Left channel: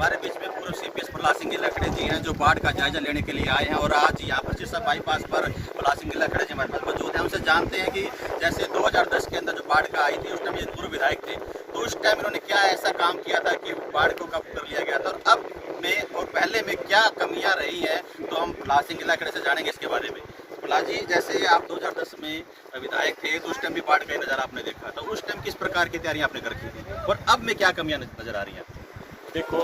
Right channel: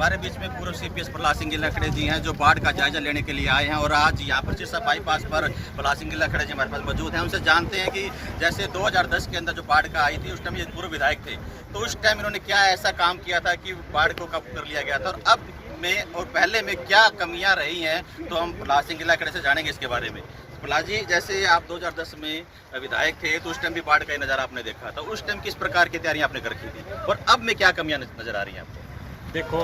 हमारे बीच में पूर्व सीपीएस प्रहलाद सिंह लखड़े जी हैं, जो बाढ़ का जायजा लेने के लिए आए हैं और आज यहाँ पर सिरसा बाईपास पर प्रहलाद सिंह लखड़े जी हमारे पास मौजूद हैं। उनसे जानते हैं कि जैसे 2010 के अंदर जो बाढ़ का आई थी, उस टाइम ये पूर्व विधायक थे, तो उस टाइम इन्होंने क्या ऐसा काम किया था कि बाढ़ को काबू कर लिया गया था, और अब में और पहले में क्या कमियाँ रही हैं, तो हम प्रहलाद सिंह लखड़े से जानेंगे इसके बारे में। प्रहलाद जी, जैसे आप 2010 में विधायक थे, तो उस टाइम भी बाढ़ का नज़ारा आपने देखा था, उस टाइम किस प्रकार की तैयारियां आपने कर रखी थी और अब में क्या कमियां नजर आ रही हैं आपको? देखो,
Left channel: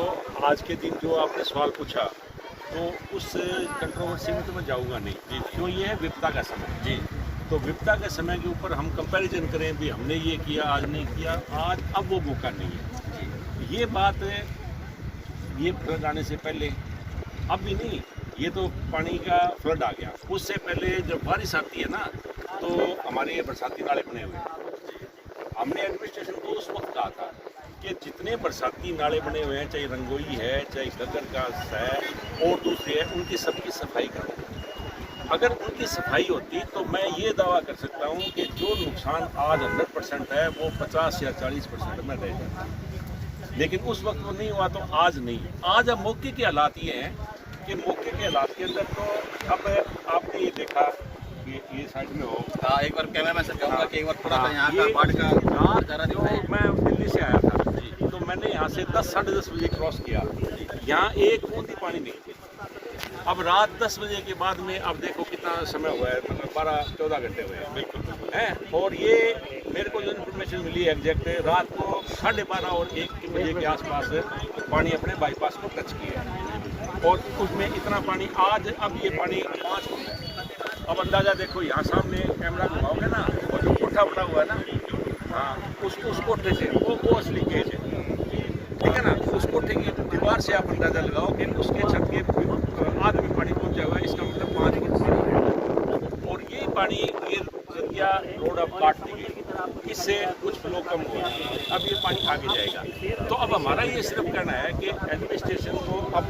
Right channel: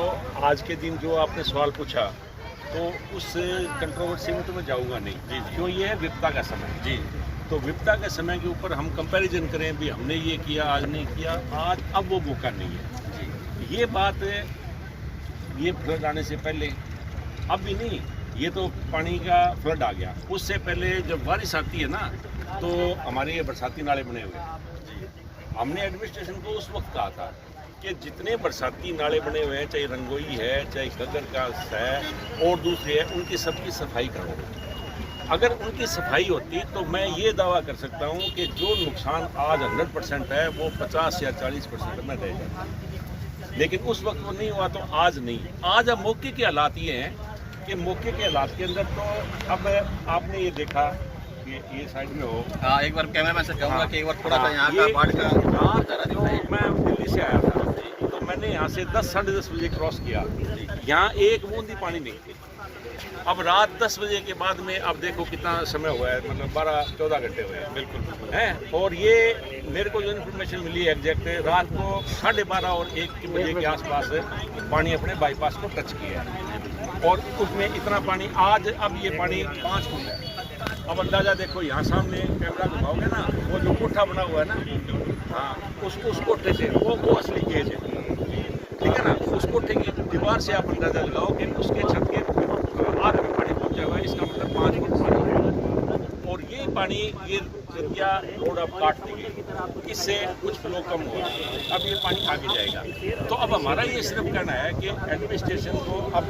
आज के दिन जो आपने सवाल पूछा, तो उस कंट्रोवर्सी में तो मैं जाऊंगा नहीं जी, क्यों? ये है विपदा का समय जी। तो विपदा के समय के ऊपर हम कंपैरिजन करें भी हमने ये किया, आज नहीं किया, आज अब वो मौका नहीं है। ये बात ये फ्लड आने से पहले, अब भी नहीं, ये तो पानी का फ्लड आ गया, उससे पहले जब बारिश आती है ना, तो हमारे ये बरसाती नाले बने हुए हैं। हमने एडमिनिस्ट्रेशन को उस वक्त कहा था कि जितने बरसाती नाले बने हुए हैं, चाहे रंगोई है, चाहे गगर का है और दूसरे हैं, उनकी सबकी सफाई करो। अगर उनकी सफाई होती तो मैं ये दावा कर सकता हूँ कि जो नुकसान आज 100% है, वो 50 या 40% में रह जाता। लेकिन उस वक्त वो नहीं हुआ, तो आज नहीं। आज अब मौके के हालात ये हैं कि मौके के हालात के अंदर तो अब आपने ये देखा कि ये साइड में हो। हाँ, एक बार कैमरा मैन से कहूँगा कि एक बार थोड़ा सा यहाँ का बाढ़ का नजारा दिखाइए। मैं दिल्ली से आया था, तो मैंने यहाँ से 10 साढ़े 10 बजे क्रॉस किया, यहाँ एक बूंद भी पानी नहीं थी। अब रात 10 बजे के बाद में अब देखो कितना समय हुआ है, मतलब 12-14 घंटे हुए हैं बिल्कुल हैं। और ये मेरे को जो इन्फॉर्मेशन मिली है एग्जैक्ट, रात को 12:30 और 1 बजे के आसपास पानी अपने बाईपास को टच किया है, और उसमें इतना पानी आज अब ये पानी 5 फुट है। अब अंदाज़ा देखो, यहाँ सामने कैमरा घुमाओगे ना, वो जो कोठा बना हुआ है ना, उस कोठे से वो असली केस है, ठीक है ना। उस कोठे की दीवार से आप अंदाजा लगाओगे, उसके छत के आधे में पानी पहुंचा हुआ है, इसका मतलब 5 फुट। और ये पानी ये क्या रोड अब काट दी गई, इससे कुछ फ्लो कम हुआ, अब ये पानी आगे जाएगा। तो अब हमारा ये सिर्फ कहना है कि एडमिनिस्ट्रेशन को अब,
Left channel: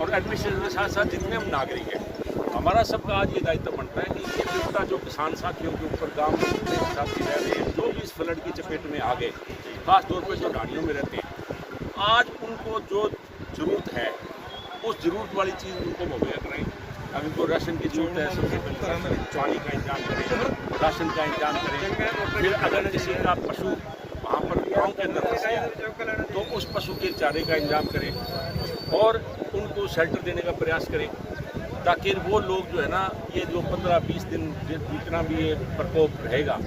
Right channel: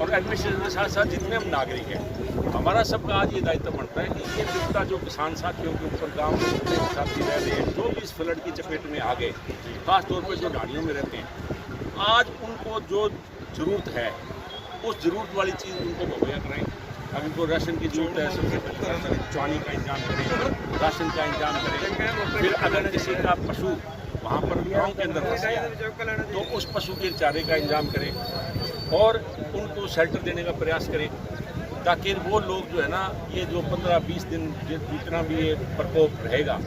और एडमिनिस्ट्रेशन के साथ साथ जितने हम नागरिक हैं, हमारा सबका आज ये दायित्व बनता है कि ये विपदा जो किसान साथियों के ऊपर गाँव में जितने साथी रह रहे हैं, जो भी इस फ्लड की चपेट में आ गए, खासतौर पर जो ढाणियों में रहते हैं, आज उनको जो ज़रूरत है, उस ज़रूरत वाली चीज़ उनको मुहैया कराएं। अगर उनको राशन की ज़रूरत है, सबसे पहले राशन पानी का इंतजाम करें, राशन का इंतजाम करें। फिर अगर किसी का पशु वहाँ पर गांव के अंदर फंस गया, तो उस पशु के चारे का इंतजाम करें और उनको शेल्टर देने का प्रयास करें, ताकि वो लोग जो है ना, ये जो 15-20 दिन जितना भी ये प्रकोप रहेगा,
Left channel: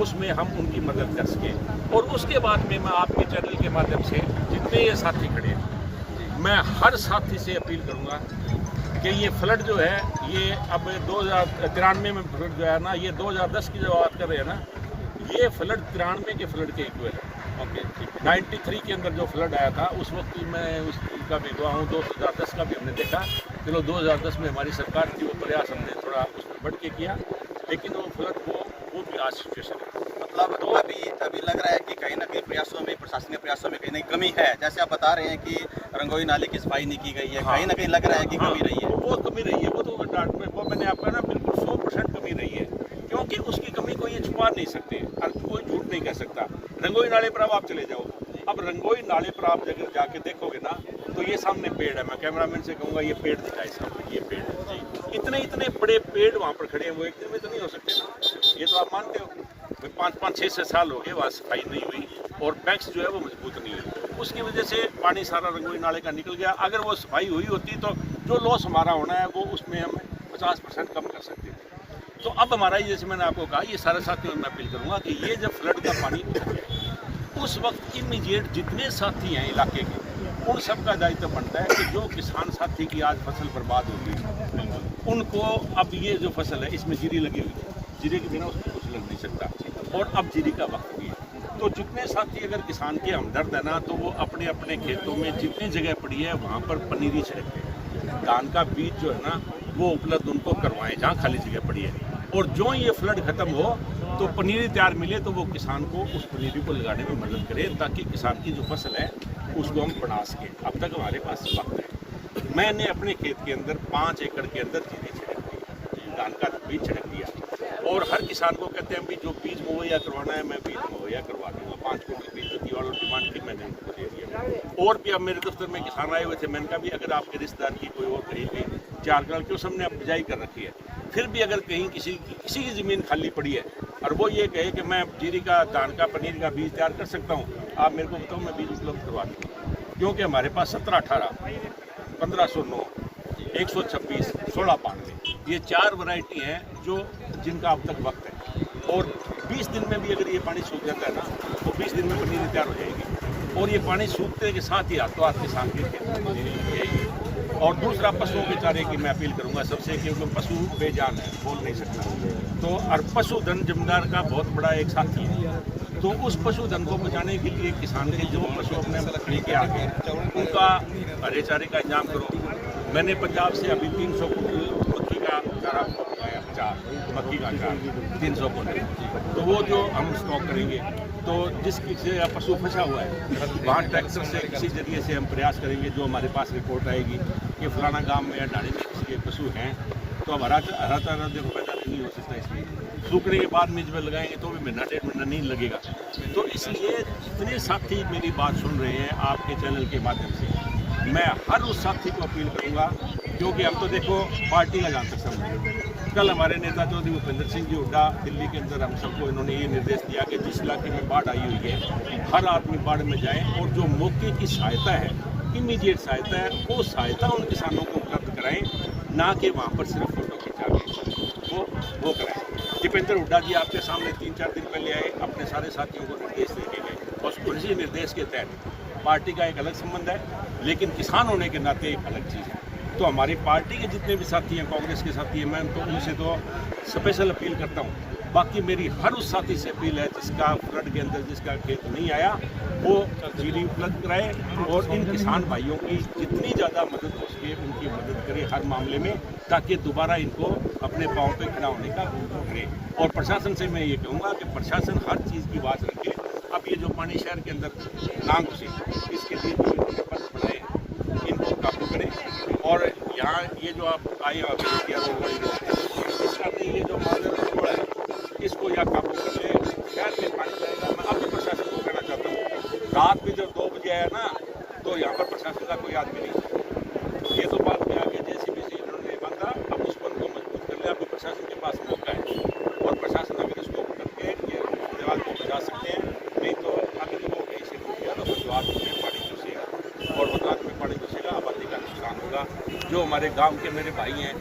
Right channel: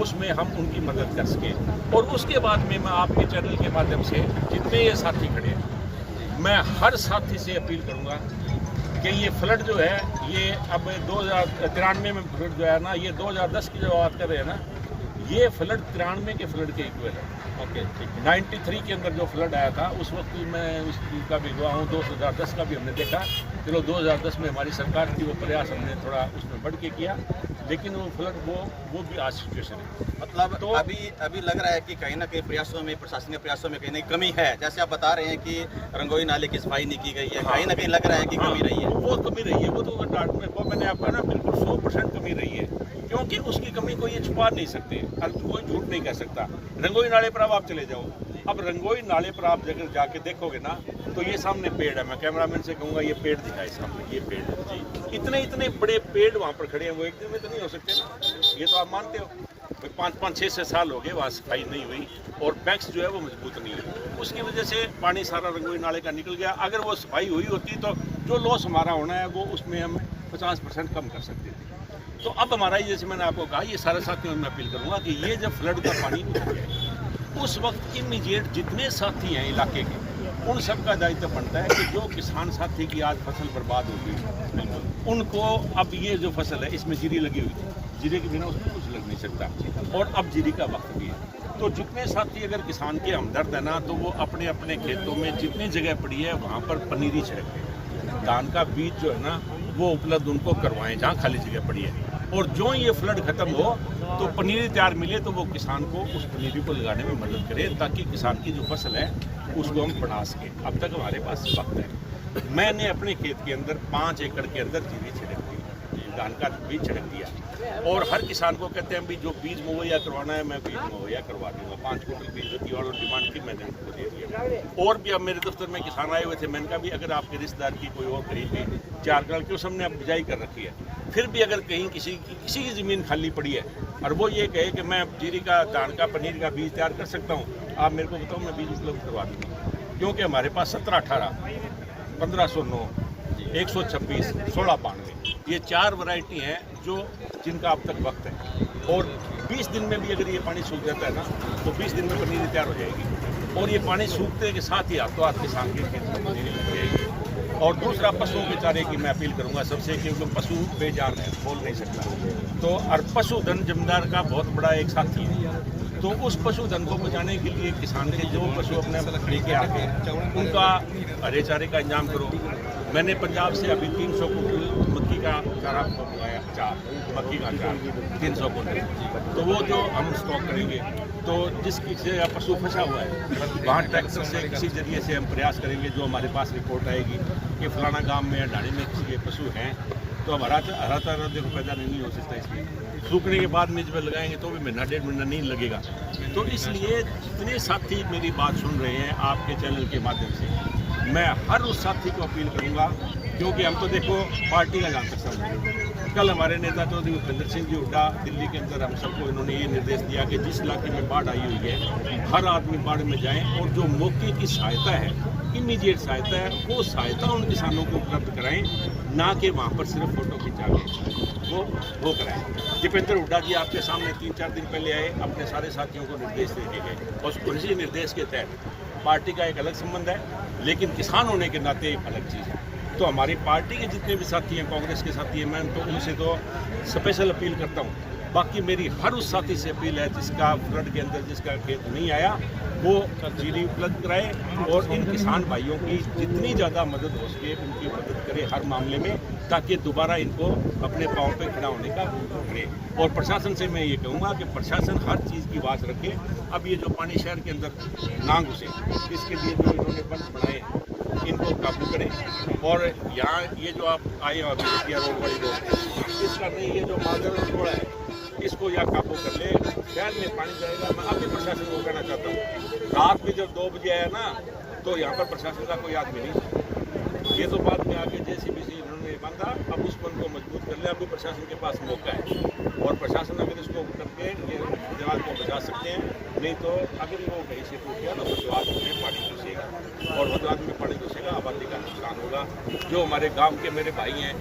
उसमें हम उनकी मदद कर सकें। और उसके बाद में मैं आपके चैनल के माध्यम से जितने ये साथी खड़े हैं, मैं हर साथी से अपील करूंगा कि ये फ्लड जो है, ये अब 2093 में फ्लड जो है ना, ये 2010 की जो बात कर रहे हैं ना, ये फ्लड 93 के फ्लड के इक्वल है। ओके, 93 के अंदर जो फ्लड आया था, उस वक्त भी मैं उस चीज़ का भी गवाह हूँ। 2010 का भी हमने देखा, चलो 2010 में हमारी सरकार की वो प्रयास हमने थोड़ा उसमें बढ़ के किया, लेकिन वो फ्लड वो भी आज सिचुएशन है। मतलब तो अभी लग रहा है कि कहीं ना कहीं प्रयासों में, प्रशासनिक प्रयासों में कहीं ना कहीं कमी है। जैसे आप बता रहे हैं कि रंगोई नाले की सफाई नहीं की गई है, हाँ, कहीं ना कहीं लग रहा है कि कमी रही है। वो कमी रही है, वो तो डाट में वो मैंने आपका ना बिल्कुल 100% कमी रही है, क्योंकि उसकी कमी को ये छुपा नहीं सकते, अब कोई झूठ नहीं कह सकता। रंगोई नाले पर अब आप चले जाओ, अब रंगोई नाले पर आप अगर जाके देखोगे ना, तो ये सामने पेड़ है, मैं कैमरामैन से कहूँगा ये पेड़ दिखाए सामने, ये पेड़, इतने बड़े पेड़ वहाँ पर खड़े हैं, वो एक दिन में तो नहीं हो सकते ना, ये तो आप मानते हो। 5-6 साल हो गए वहाँ सफाई नहीं हुई, और बैंक्स जो है वो मजबूत नहीं है, उसकी वजह से पानी सारा रंगोई नाले का निकल गया। अगर वो सफाई हुई होती तो जो लॉस हमारा होना है, वो उसमें हम 50% कम कर सकते थे। तो अब हमारा, जैसे मैंने आपको कहा, ये सारे साथियों में अपील करूँगा कि ये जब फ्लड का पानी उतर जाए, उस वक्त इमीडिएट जितने साथी हैं इलाके के, उन सब का दायित्व बनता है कि जो किसान साथी की आज फसल बर्बाद हो गई, उनको अब ये जो फसल है, इसमें जीरी लगी हुई है, जीरे के बिना उसमें कुछ लग नहीं सकता, और अब जीरी का वक्त भी है। तो जितने साथी अगर किसान के हमदर्द है ना, तो वो अपने अपने खेतों में जितनी जगह पड़ी है, वहाँ पर पनीरी छिड़कते हैं, धान का बीज जो है ना, वो उपलब्ध उनको करवाएं जहाँ खाली जगह पड़ी है। और जो ये फ्लड खत्म हो, तो पनीरी तैयार मिले, तो वो किसान को उस पनीरी को लगाने में मदद करे, ताकि किसान की जो फसल है उसको हम बना सकें। अब तक हमारे पास वक्त है। मैंने अपने खेत के अंदर 5 एकड़ के अंदर जीरी छिड़क दी, धान का बीज छिड़क दिया। और हर किसान को कहते हैं भी जो बीज मुहैया करवाना है मैं बीज मुहैया करवा दूँगा। 5 क्विंटल बीज की और डिमांड की मैंने उनको दे दिया। और भी अब मेरे दफ्तर में किसान आए हुए थे, मैंने कहा भी अगर आपके रिश्तेदार की कोई और कहीं भी 4 कनाल की उस हमने अब बिजाई कर रखी है, फिर भी अगर कहीं किसी की ज़मीन खाली पड़ी है और वो ये कहे कि मैं जीरी का धान का पनीर का बीज तैयार कर सकता हूँ, आप मेरे को बताओ, मैं बीज उपलब्ध करवा दूँगा। क्योंकि हमारे पास 17-18, 1509, 126, 1692 ये 4 वैरायटी हैं जो जिनका अब तक वक्त है। और 20 दिन में भी अगर ये पानी सूख जाता है ना तो 20 दिन में पनीर तैयार हो जाएगी। और ये पानी सूखने के साथ ही हाथों हाथ किसान की पनीरी लग जाएगी। और दूसरा, पशुओं के चारे की मैं अपील करूंगा सबसे, क्योंकि पशु बेजान है, बोल नहीं सकता। तो और पशुधन जमींदार का बहुत बड़ा एक साथी है। तो उस पशुधन को बचाने के लिए किसान के जो पशु अपने लेके आ गए उनका हरे चारे का इंतजाम करो। मैंने पंजाब से अभी 300 कुंटल मक्की का चारा मंगाया, मक्की का अचार 300 कुंटल। तो वो जो हम स्टॉक करेंगे, तो जिस किसी का पशु फंसा हुआ है वहाँ ट्रैक्टर से किसी जरिए से हम प्रयास करेंगे। जो हमारे पास रिपोर्ट आएगी कि फलाना गांव में या ढाणी में किसी के पशु हैं, तो अब हरा चारा देखो पैदा नहीं हो सकता, इसलिए सूखने के बाद में जब लगाएंगे तो भी महीना 1.5 महीना नहीं लगेगा। तो इसलिए जितने साथी मेरी बात सुन रहे हैं आपके चैनल के माध्यम से, मैं हर उस साथी को अपील करूंगा, क्योंकि हम तो देखो पार्टी का जान सकते हैं। कल हमारे नेता चौधरी भूपेंद्र सिंह जी हुड्डा दिल्ली के अंदर हम सबको इन्होंने ये निर्देश दिया कि जिस इलाके में बाढ़ आई हुई है हर आदमी बाढ़ में जाए और जो मौके की सहायता है, इमीडिएट सहायता है, वो सहायता उन किसानों को उपलब्ध कराएं, ना कि वहाँ पर सिर्फ फोटो खिंचा के वो कराएं। दीपेंद्र हुड्डा जी आपके सामने 3-4 दिन पहले आए, अपने सारे साथियों को निर्देश देके गए और उसी निर्देश के तहत पार्टी का एक अलग संबंध है, लेकिन किसान होने के नाते एक अलग चीज़ है। तो हमारी पार्टी के जितने भी साथी हैं, कांग्रेस के साथी हैं, मैं तो उनसे तो स्पेशल अपील करता हूँ। बाकी मेरी हर उस साथी से अपील है जिसका फ्लड के अंदर जिसका खेत नहीं आया वो जीरी उपलब्ध कराए और इन किसान भाइयों की जितनी ज़्यादा मदद हो सके उनकी मदद करें हर मामले में, ताकि दोबारा इनको अपने पाँव पे खड़ा होने का करें। और प्रशासन से मैं ये कहूँगा कि प्रशासन हर चीज़ की आवाज़ रखे। अब ये जो पानी शहर के अंदर ना घुसे, इसके लिए जो इन्होंने बंद बनाए हैं इनको काबू करें। और यहाँ ये जो आप आए हो रोड बड़ी रोड, इसका नहीं, ये जो मादर रोड है इसको या काबू कर ले, शहर में पानी जाएगा। मैं अभी प्रशासन को कहना चाहता हूँ, रात में जब 2 बजे आया ना तो यहाँ पर प्रशासन का कोई आदमी नहीं। ये तो बात में आगे JCB से इन्होंने बांधा, अब उस पर को मजबूत कर ले। अभी प्रशासन के पास मौका है और प्रशासन अगर इसको करके ये विवाद को बचा सकते हैं। नहीं तो अगर वो कहीं से टूट गया तो बदलाव में पानी घुसेगा और बदलाव में पानी घुसेगा, आबादी का नुकसान होगा। जो हमारे गाँव के मेरे भाई हैं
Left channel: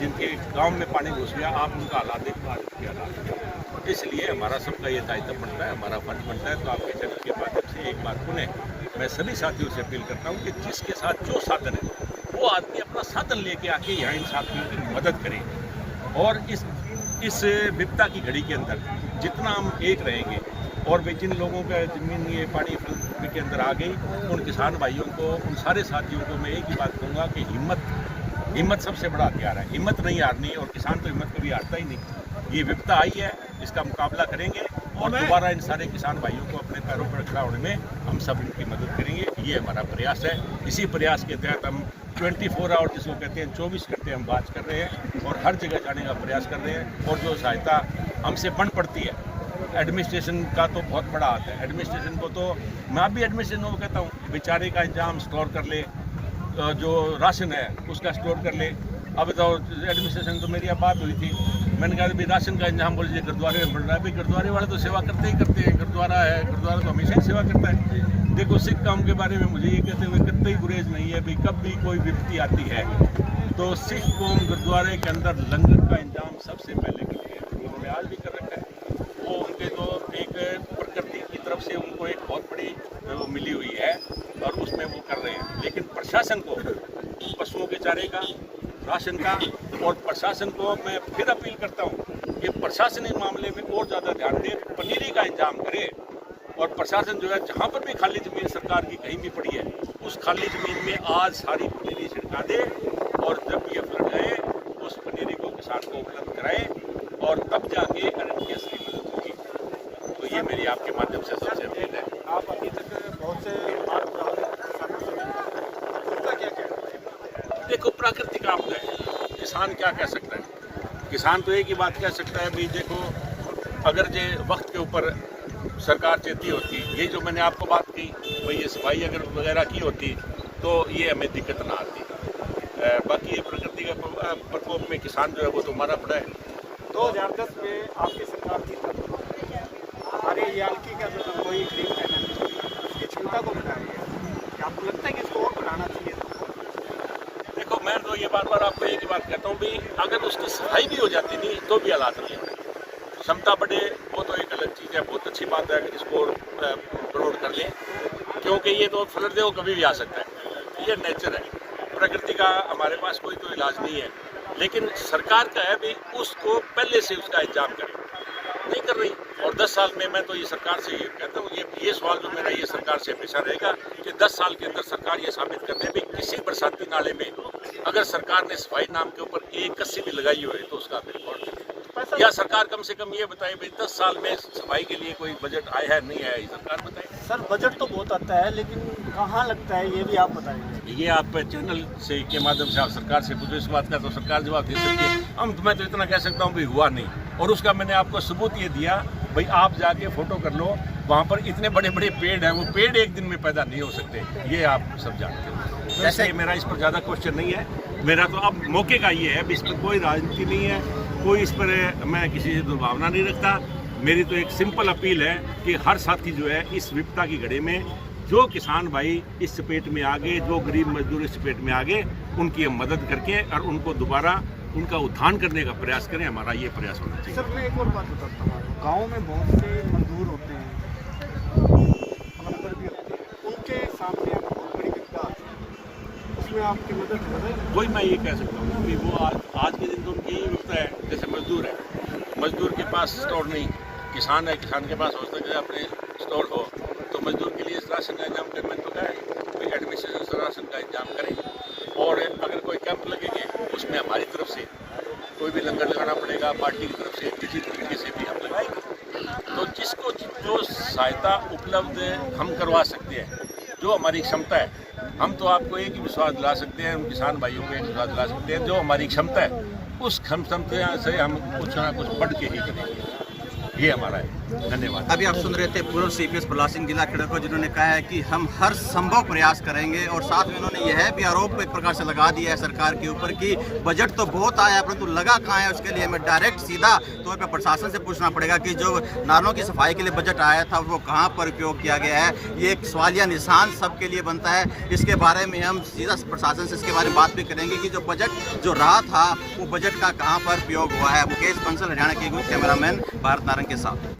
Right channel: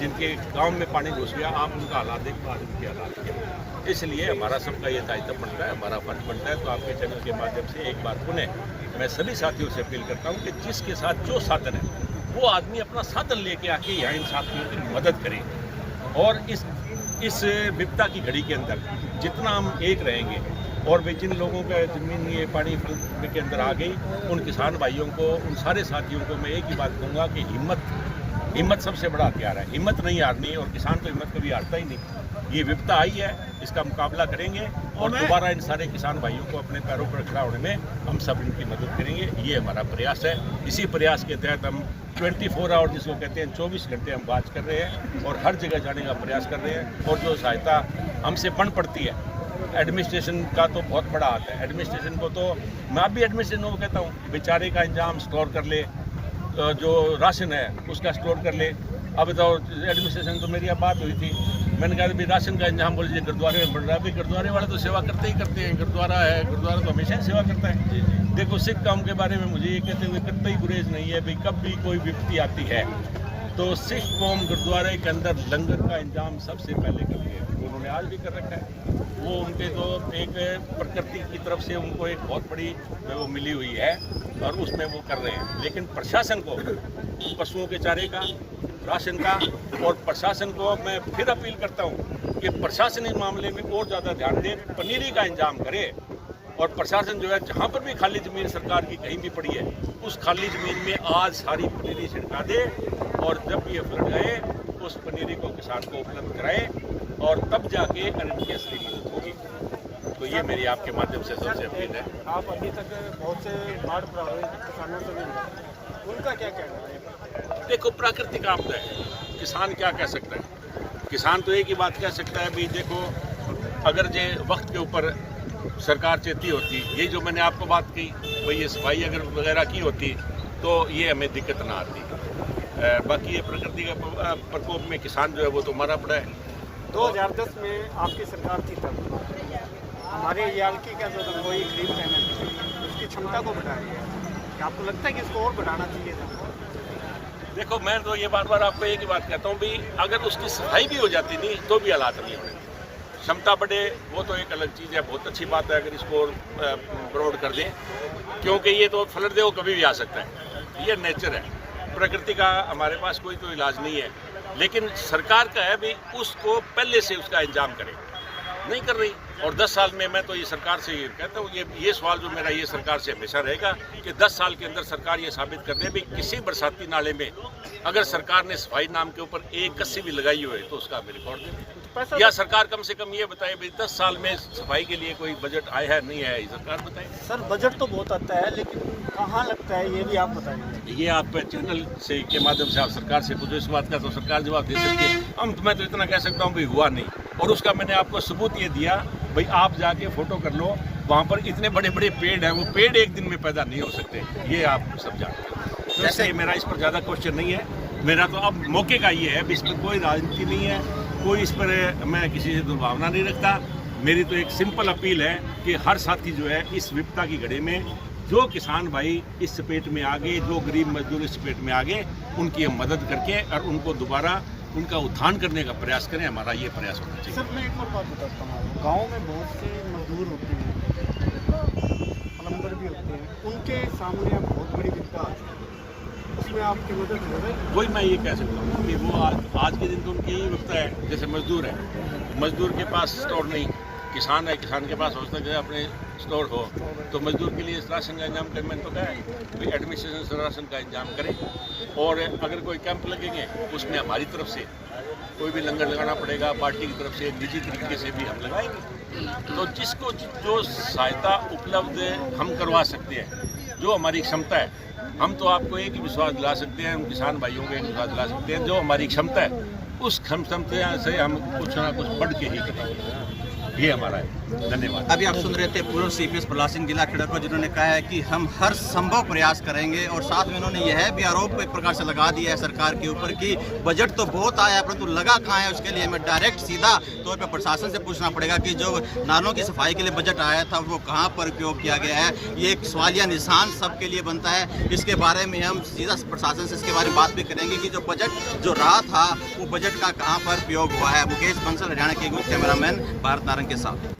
जिनके गांव में पानी घुस गया, आप उनका हालात देखो, आज उनके हालात। इसलिए हमारा सबका ये दायित्व बनता है, हमारा फर्ज बनता है। तो आपके चैनल के माध्यम से एक बार पुनः मैं सभी साथियों से अपील करता हूँ कि जिसके साथ जो साधन है वो आदमी अपना साधन लेके आके यहाँ इन साथियों की मदद करे। और इस विपदा की घड़ी के अंदर जितना हम एक रहेंगे और वे जिन लोगों का जमीन ये पानी के अंदर आ गई, उन किसान भाइयों को, उन सारे साथियों को मैं एक ही बात कहूँगा कि हिम्मत सबसे बड़ा हथियार है। हिम्मत नहीं हारनी, और किसान तो हिम्मत कभी हारता ही नहीं। ये विपदा आई है, इसका मुकाबला करेंगे और दोबारा इन सारे किसान भाइयों को अपने पैरों पर खड़ा होने में हम सब इनकी मदद करेंगे। ये हमारा प्रयास है। इसी प्रयास के तहत हम 24 आवर जिसको कहते हैं 24 घंटे हम बात कर रहे हैं और हर जगह जाने का प्रयास कर रहे हैं। और जो सहायता हमसे बन पड़ती है, एडमिनिस्ट्रेशन का तो बहुत बड़ा हाथ है। एडमिनिस्ट्रेशन को तो मैं भी एडमिनिस्ट्रेशन को कहता हूँ बेचारे का इंतजाम स्टोर कर ले, जो राशन है उसका स्टोर कर ले। अब तो एडमिनिस्ट्रेशन तो मेरी अब बात हुई थी, मैंने कहा भाई राशन का इंतजाम बोलिए गुरुद्वारे में बन रहा है। भाई गुरुद्वारे वाले तो सेवा करते ही करते हैं, गुरुद्वारा है, गुरुद्वारा तो हमेशा ही सेवा करता है। देखो सिख कौम के बारे में मुझे ये कहते हुए कतई गुरेज नहीं है, भाई कब भी कोई विपत्ति आती है तो सिख कौम गुरुद्वारे के अंदर लंगर का इंतजाम सबसे पहले करती है। उन्होंने आज भी कर रखा है। वो उनके तो एक प्रकृति की तरफ से उनको एक बहुत बड़ी वो मिली हुई है और उसमें वो कर रहे हैं। लेकिन प्रशासन को पशुओं के चारे का, राशन का, और प्रशासन को मैं फिर अपील करता हूँ कि प्रशासन इस मामले में और ज़्यादा ध्यान दे, पनीरी का इंतजाम करे। और प्रशासन जो है जहाँ पर भी खाली ज़मीन सरकार की कहीं भी पड़ी है उस खाली ज़मीन में आज सारी पनीरी छिड़का दे और जब ये फ्लड जाए उस पनीरी को किसान को उपलब्ध कराए और तब जाके इनकी असली मदद होगी। तो ये मेरी आपके माध्यम से सबसे अपील है। आप अभी तक बहुत से किसानों से उनका क्या कहना है? देखो प्राकृतिक आपदा है, किसान क्या कह सकता है। किसान तो एक ही बात कह सकता है भाई देखो, अगर जे वक्त के ऊपर सरकार चेती होती, यही जो मैंने आपको बात की भाई, ये सफाई अगर वगैरह की होती तो ये हमें दिक्कत ना आती। बाकी ये प्रकृति का प्रकोप में किसान जो है वो तो मारा पड़ा है। 2010 में आपकी सरकार थी, हमारे रियालती का जो रंगोई ग्रीन पैनल है उसकी क्षमता को बढ़ाया गया। आपको लगता है कि इसको और बढ़ाना चाहिए था? देखो, मैं तो ये बार बार आपको एक ही बात कहता हूँ भाई, अगर उसकी सफाई भी हो जाती नहीं तो भी हालात नहीं होने। क्षमता बढ़े वो तो एक अलग चीज़ है, बहुत अच्छी बात है अगर इसको ब्रॉड कर दें, क्योंकि ये तो फ्लड दे वो कभी भी आ सकता है, ये नेचर है, प्रकृति का हमारे पास कोई तो इलाज नहीं है। लेकिन सरकार का है भी उसको पहले से उसका इंतजाम करे, नहीं कर रही। और 10 साल में मैं तो ये सरकार से ये कहता हूँ, ये सवाल जो मेरा ये सरकार से हमेशा रहेगा कि 10 साल के अंदर सरकार ये साबित कर दे भी किसी बरसाती नाले में अगर सरकार ने सफाई नाम के ऊपर एक कस्सी भी लगाई हो है तो उसका भी रिकॉर्ड करें, या सरकार कम से कम ये बताए भाई 10 साल में सफाई के लिए कोई बजट आया है नहीं आया, सरकार बताए। सर बजट तो बहुत आता है लेकिन कहाँ लगता है ये भी आप बताएंगे? ये आप चैनल से के माध्यम से आप सरकार से पूछो इस बात का, तो सरकार जवाब दे सकती है। मैं तो इतना कह सकता हूँ भाई हुआ नहीं, और उसका मैंने आपको सबूत ये दिया भाई, आप जाके फोटो कर लो, वहाँ पर इतने बड़े बड़े पेड़ हैं, वो पेड़ एक दिन में पैदा नहीं हो सकते, ये आप सब जानते हो। तो इसलिए मेरा इस पर ज़्यादा क्वेश्चन नहीं है, मेरा तो अब मौके का ये है, इस पर कोई राजनीति नहीं है, कोई इस पर मैं किसी से दुर्भावना नहीं रखता। मेरी तो एक सिंपल अपील है कि हर साथी जो है इस विपदा की घड़ी में जो किसान भाई इस चपेट में आ गए, जो गरीब मजदूर इस चपेट में आ गए, उनकी मदद करके और उनको दोबारा उनका उत्थान करने का प्रयास करें, हमारा ये प्रयास होना चाहिए। सर मैं एक और बात बताता हूँ, गाँव में बहुत से मजदूर होते हैं, प्लम्बर भी होते हैं, उनके सामने अब बहुत बड़ी विपदा आती है, उसमें आपकी मदद हो रही है? वही मैं ये कह सकता हूँ कि वो आज के दिन तो उनकी यही विपदा है। जैसे मजदूर है, मजदूर के पास स्टोर नहीं, किसान है, किसान के पास हो सकता है अपने स्टोर हो, तो मजदूर के लिए राशन का इंतजाम करें। मैंने तो कहा है कोई एडमिनिस्ट्रेशन से राशन का इंतजाम करें, और अगर कोई कैंप लगेंगे उसमें हमारी तरफ से कोई भी लंगर लगाना पड़ेगा, पार्टी की तरफ से निजी तरीके से भी हम लगाएंगे। तो जिसको जो सहायता उपलब्ध हम करवा सकते हैं, जो हमारी क्षमता है, हम तो आपको एक ही विश्वास दिला सकते हैं, हम किसान भाइयों को एक विश्वास दिला सकते हैं, जो हमारी क्षमता है उस क्षमता से हम कुछ ना कुछ बढ़ के ही करेंगे, ये हमारा है। धन्यवाद। अभी आप सुन रहे थे पूर्व CPS प्रहलाद सिंह जिला खेड़ा को, जिन्होंने कहा है कि हम हर संभव प्रयास करेंगे, और साथ में उन्होंने यह भी आरोप एक प्रकार से लगा दिया है सरकार के ऊपर कि बजट तो बहुत आया है परंतु लगा कहाँ है, उसके लिए हमें डायरेक्ट सीधा तौर पर प्रशासन से पूछना पड़ेगा कि जो नालों की सफाई के लिए बजट आया था वो कहाँ पर उपयोग किया गया है। ये एक सवालिया निशान सबके लिए बनता है। इसके बारे में हम सीधा प्रशासन से इसके बारे में बात भी करेंगे कि जो बजट जो रहा था वो बजट का कहाँ पर उपयोग हुआ है। मुकेश बंसल, हरियाणा के न्यूज़ कैमरामैन भारत नारंग के साथ।